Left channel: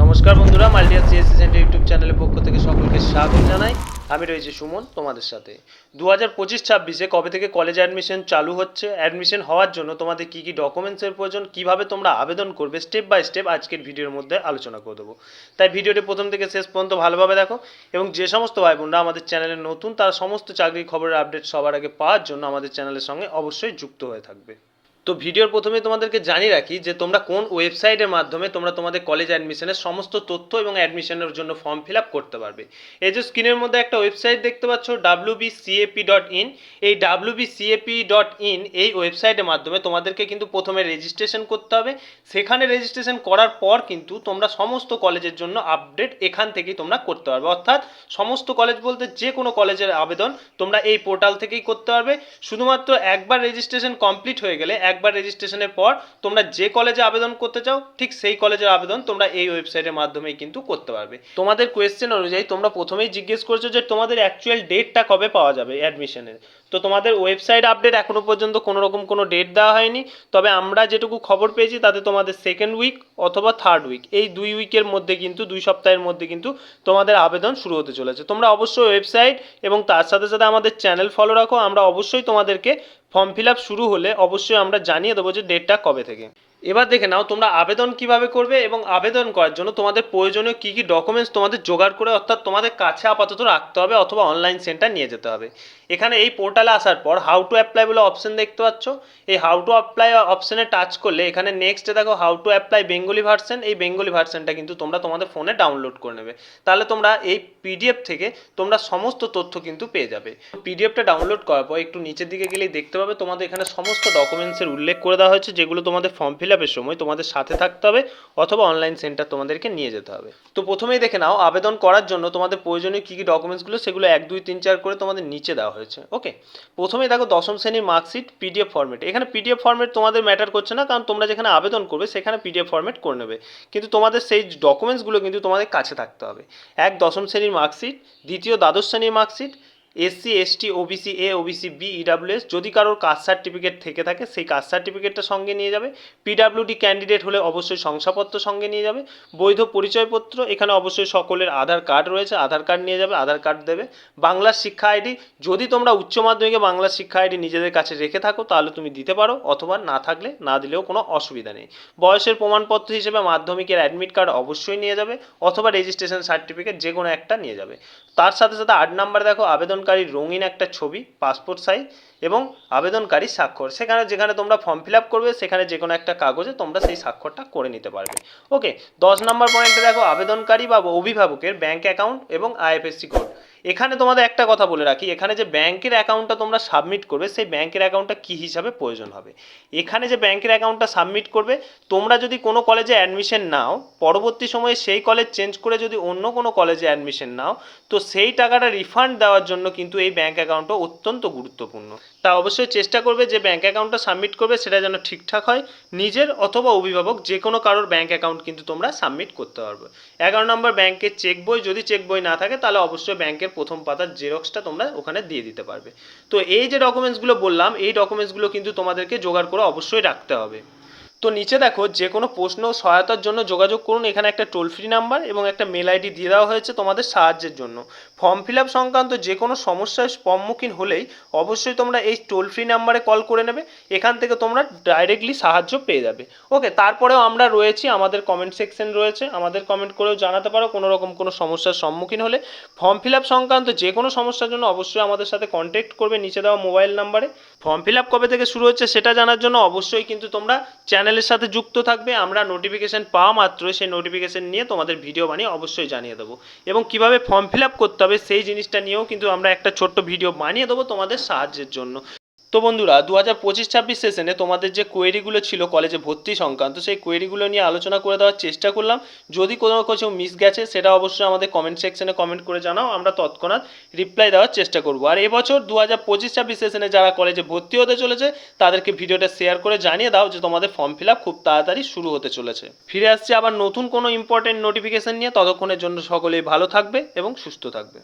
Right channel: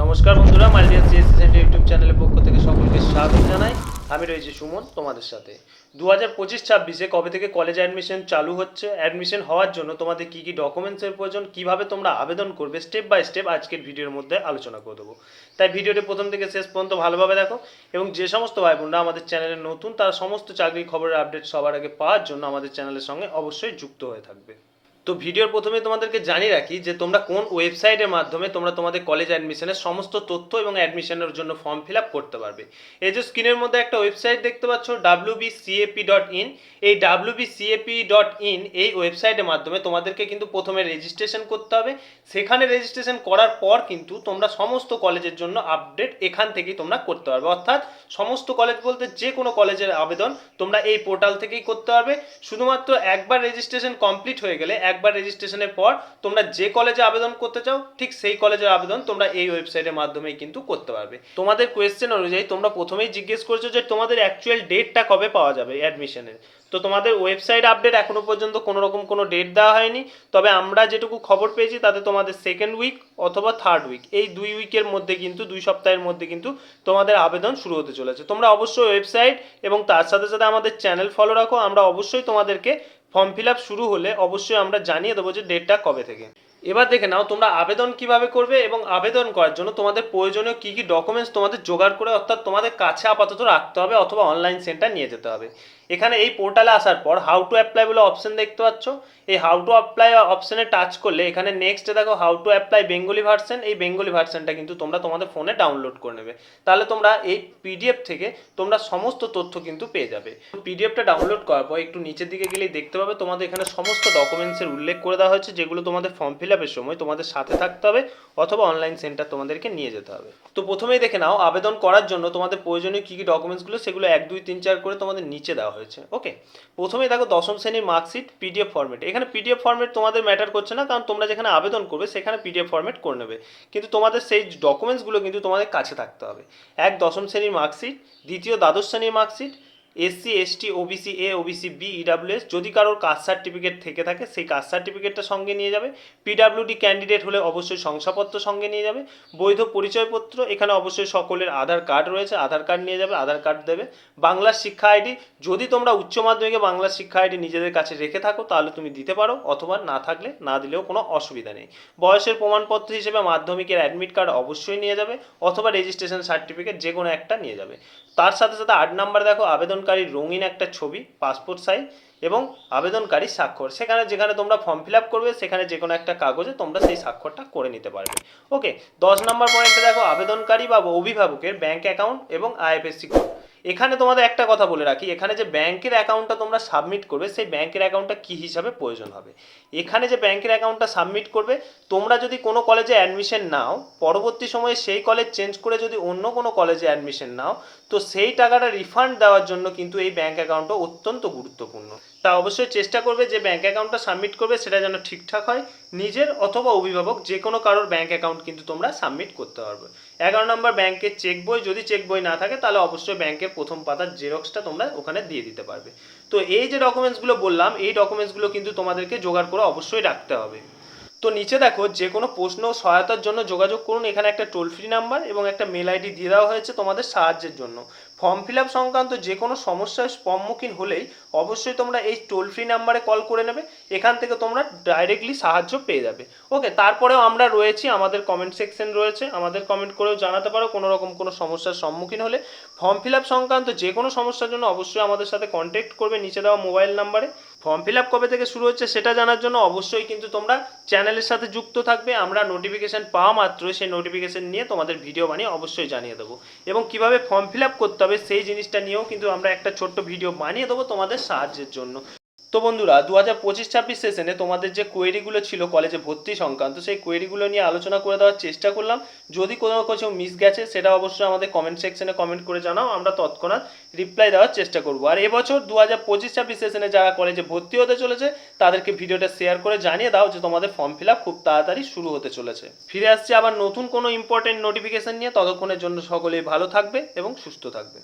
নমস্কার বন্ধুরা, মাল্টিয়াস CSC centre YouTube চ্যানেলের পক্ষ থেকে সকলকে স্বাগত জানাই। আমি রয়েছি সুমন তোমাদের সাথে। 2025-26 কবে থেকে কলেজ অ্যাডমিশন চালু হচ্ছে, অ্যাডমিশন হওয়ার জন্য তোমাদের কী কী ডকুমেন্টসের প্রয়োজন, কীভাবে তোমরা আবেদন করবে, স্টেপ বাই স্টেপ আজকের ভিডিওর মধ্যে আলোচনা করে দেবো। তাই ভিডিওটি প্রথম থেকে শেষ পর্যন্ত ভালোভাবে দেখো, এবং যে সমস্ত ভাই বোনরা আমাদের চ্যানেলে নতুন তারা সমস্ত চাকরির খবরের আপডেট সবার আগে পাওয়ার জন্য আমাদের চ্যানেলের সঙ্গে অবশ্যই যুক্ত হয়ে থাকবে। তো ভিডিওর প্রথমে তোমাদেরকে জানিয়ে রাখি যে তোমরা কোন ওয়েবসাইটের মাধ্যমে তোমরা তোমাদের কলেজ অ্যাডমিশনের সমস্ত তথ্য এবং অ্যাডমিশনের জন্য ফর্ম ফিল আপ করতে পারবে। এই যে স্ক্রিনের মধ্যে একটা ওয়েবসাইট দেখতে পাচ্ছ wbcap.in, এই wbcap.in এই ওয়েবসাইটের মাধ্যমে তোমাদেরকে কিন্তু প্রথমে রেজিস্ট্রেশন করতে হবে। সেখানে রেজিস্ট্রেশন করার পর কিন্তু তোমরা সমস্ত কলেজের জন্য আপডেট এখান থেকেই তোমরা করতে পারবে। অর্থাৎ সমস্ত কলেজ বলতে যে কোনো কলেজের আবেদন তোমরা এই পোর্টাল থেকেই করতে পারবে। শুধুমাত্র একবার রেজিস্ট্রেশন কমপ্লিট হয়ে গেলে, একবার রেজিস্ট্রেশনের পর তোমরা যে কলেজে আবেদন করতে চাও ঠিক সেই কলেজের আবেদন তোমরা এই ওয়েবসাইটের মাধ্যমেই কিন্তু করতে পারবে। তোমাদের কোয়েশ্চেন অনুযায়ী তোমরা প্রথমেই জিজ্ঞেস করছো যে তোমাদের অ্যাকচুয়াল ডেটটা কবে পাওয়া যাবে অ্যাডমিশনের। তো তোমাদের ওয়েবসাইট আপডেট এখনো পর্যন্ত কোনো রকম কোনো ডেট দেওয়া হয়নি, তবে আমরা যেটুকু খবর পেয়েছি তাতে তোমাদের সেকেন্ড উইক অথবা থার্ড উইক, এই 2 উইকের মধ্যে কিন্তু 2 সপ্তাহের মধ্যে কিন্তু তোমাদের আবেদন শুরু হতে চলেছে। তোমরা অবশ্যই ওয়েবসাইট এবং তার সাথে সাথে আমাদের চ্যানেল ফলো রাখো। আমরা অবশ্যই তোমাদেরকে ফর্ম ফিল আপ শুরু হলে অবশ্যই আমরা জানিয়ে দেবো যে ডেটটা কবে থেকে। এবার দেখে নাও তোমরা আবেদন কিভাবে করবে, এবং আবেদন করার জন্য তোমাদের প্রয়োজনীয় কী কী ডকুমেন্টস তোমাদের জোগাড় করে অর্থাৎ তোমাদের কাছে আপাতত রাখতে হবে অথবা অনলাইন সেন্টার নিয়ে যেতে হবে। এখানে এই পোর্টালে আসার পর হাউ টু অ্যাপ্লাই বলে অপশন দেখতে পাচ্ছ। এই হাউ টু অ্যাপ্লাই অপশনে টাচ করলে এখানে নেক্সটে দেখো how to apply Bengali version, এই বেঙ্গলি ভার্সনটা কিন্তু তোমরা তোমাদের ফোনে ডাউনলোড করে নেবে। তাহলে তোমরা এই পিডিএফ থেকে তোমরা সমস্ত তথ্য কিন্তু পেয়ে যাবে। পিডিএফটা ডাউনলোড করার পর একটু নিচের দিকে গেলেই দেখতে পাবে তোমাদের এখানে সমস্ত ডকুমেন্টসের উল্লেখ করে দেওয়া হয়েছে, যেগুলো তোমাদের ফর্ম ফিল আপের সময় তোমাদের সাথে থাকতে হবে অথবা অনলাইন সেন্টার তোমাদেরকে নিয়ে যেতে হবে। তো প্রথমেই দেখে নাও আবেদন করার জন্য তোমাদের প্রয়োজনীয় কী কী ডকুমেন্টসগুলো, সেগুলো 1 2 3 4 করে তোমাদের নিচে দেওয়া হয়েছে। ওকে, প্রথমেই দেখো দশম শ্রেণীর মার্কশিট পিডিএফ ফরম্যাট। এখানে পিডিএফ ফরম্যাট তোমাদের ম্যাটার করছে না, কারণ তোমরা যেখানে আবেদন করবে সেখানে পিডিএফ ফরম্যাট করে নেবে, কিন্তু তোমাদের সেই ডকুমেন্টসগুলো কিন্তু তোমাদের কাছে থাকতে হবে। দশম শ্রেণীর মার্কশিট, দ্বিতীয় দ্বাদশ শ্রেণীর marksheet, SC ST OBC A OBC B EWS যদি কারোর কাস্ট সার্টিফিকেট থেকে থাকে সেই কাস্ট সার্টিফিকেটটা সঙ্গে নিয়ে যাবে। পিডাব্লিউডি ক্যান্ডিডেট হলে অবশ্যই শংসাপত্র সঙ্গে নিয়ে যাবে। বৈধ পরিচয়পত্র, এখানে অবশ্যই সকলের আধার কার্ড রয়েছে, আধার কার্ড নিয়ে যাবে, আধার কার্ড দেবে। বাংলার শিক্ষা আইডি, যদি তোমরা উচ্চ মাধ্যমিকে বাংলার শিক্ষা আইডি নিজেদের কাছে রেখে থাকো তাহলে তুমি দিতে পারো, অথবা না থাকলে না দিলেও কোনো অসুবিধা নেই। বয়সের প্রমাণপত্র হিসেবে মাধ্যমিকের অ্যাডমিট কার্ড অবশ্যই নিয়ে যাবে, অথবা রেজিস্ট্রেশন সার্টিফিকেট যে কোনো একটা নিয়ে যাবে। তার সাথে সাথে 8 নম্বরে দেখো আবেদনকারীর রঙিন একটা ছবি, পাসপোর্ট সাইজ এবং আবেদনকারী স্বাক্ষর। সেখানে যেখানে তোমরা ফর্ম ফিল আপ করবে সেখানে যে কোনো একটা কাগজে তোমরা সেই স্বাক্ষরটা করে নিতে পারবে। ওকে, 10 নম্বর পয়েন্টে দেখো আবেদনকারী বা অভিভাবকের ব্যাঙ্ক অ্যাকাউন্ট এবং আইএফএসসি কোড। এখানে তোমাদের একটা কথা বলে রাখি, এখানে যে ব্যাংকের অ্যাকাউন্টটা তোমরা সাবমিট করবে সেই ব্যাংকের অ্যাকাউন্টটা কী হিসাবে প্রয়োজন হবে। এখানে যে ব্যাংকের অ্যাকাউন্টটা সাবমিট করবে, তোমরা যদি কোনো কলেজে অ্যাডমিশন নাও, পরবর্তী সময়ে সেই কলেজ চেঞ্জ করে যদি অন্য কোনো কলেজে অ্যাডমিশন নাও, তো সেই টাকাটা রিফান্ড দেওয়ার জন্য কিন্তু এই ব্যাঙ্ক অ্যাকাউন্টটা অত্যন্ত গুরুত্বপূর্ণ। তা অবশ্যই চেষ্টা করবে যে ব্যাঙ্ক অ্যাকাউন্টটা সাবমিট করবে সেটা যেন ঠিকঠাক হয়। নিজের অথবা অভিভাবক যে কোনো কারোর ব্যাঙ্ক অ্যাকাউন্ট কিন্তু তোমরা সাবমিট করতে পারবে। 11 নম্বর ব্যাংকের চেক বই, যদি চেক বই না থাকে তাহলে অবশ্যই ব্যাংকের প্রথম পাতার জেরক্সটা তোমরা ওখানে দিয়ে দিতে পারবে। তো এই যে ডকুমেন্টসগুলো বললাম, এই ডকুমেন্টসগুলো কিন্তু তোমাদেরকে জোগাড় করে অবশ্যই রাখতে হবে। তো নিচে দেখো যে কোনো প্রশ্ন সহায়তার জন্য যোগাযোগ করুন, এখানে একটা টোল ফ্রি নাম্বার এবং একটা মেল আইডি দিয়ে দেওয়া হয়েছে তোমাদের সাহায্যের জন্য। ফর্ম ফিল আপ সংক্রান্ত যে কোনো সমস্যার সম্মুখীন হলেই অবশ্যই তোমরা এই টোল ফ্রি নাম্বারে কল করে নেবে, এখান থেকে তোমরা ডাইরেক্টলি সাহায্য পেয়ে যাবে। ওকে, তারপরেও আমরা রয়েছি, আমাদের কমেন্ট সেকশন রয়েছে, আমাদের কমেন্ট করেও জানাতে পারো কোনো রকম কোনো সমস্যার সম্মুখীন হলে। ফর্ম ফিল আপ সংক্রান্ত যে কোনো সমস্যার জন্য অবশ্যই আমাদের সাথে কন্ট্যাক্ট করবে নিচে দেওয়া মোবাইল নাম্বারে। ফর্ম ফিল আপ কবে থেকে শুরু হচ্ছে সেটা জানার জন্য অবশ্যই কিন্তু তোমরা চ্যানেলের সাথে যুক্ত থাকবে। আমরা নোটিফিকেশান পাওয়া মাত্রই সেই নোটিফিকেশান নিয়ে তোমাদের ভিডিও বানিয়ে অবশ্যই জানিয়ে দেবো, এবং কীভাবে ফর্ম ফিল আপ করতে হবে সেই জিনিসটা নিয়েও কিন্তু আমরা একটা ছোট্ট ভিডিও বানিয়ে দেবো তোমাদের সাহায্যের জন্য। তো বন্ধুরা, 2025-26 সেশনে তোমাদের যে কোয়েরিগুলো ছিল কলেজে ভর্তি সংক্রান্ত, সেই কোয়েরিগুলো নিয়ে আলোচনা করে দেওয়ার চেষ্টা করলাম। যদি কোনো কিছু মিস গেছে সেটা অবশ্যই আমাদের কমেন্ট সেকশনে কমেন্ট করে জানাও, আমরা তৎক্ষণাৎ রিপ্লাই দেওয়ার চেষ্টা করব। আর এবছর 2025-26 সেশনে যারা কলেজে ভর্তি হতে চলেছে তাদেরকে ভিডিওটা শেয়ার করে জানিয়ে দাও যে তোমাদের ফর্ম ফিল আপ খুব তাড়াতাড়ি শুরু হতে চলেছে। ফিরে আসছে আবার নতুন কোনো ইম্পর্টেন্ট নোটিফিকেশন নিয়ে, ততক্ষণের জন্য সকলেই ভালো থাকবে এবং সুস্থ থাকবে।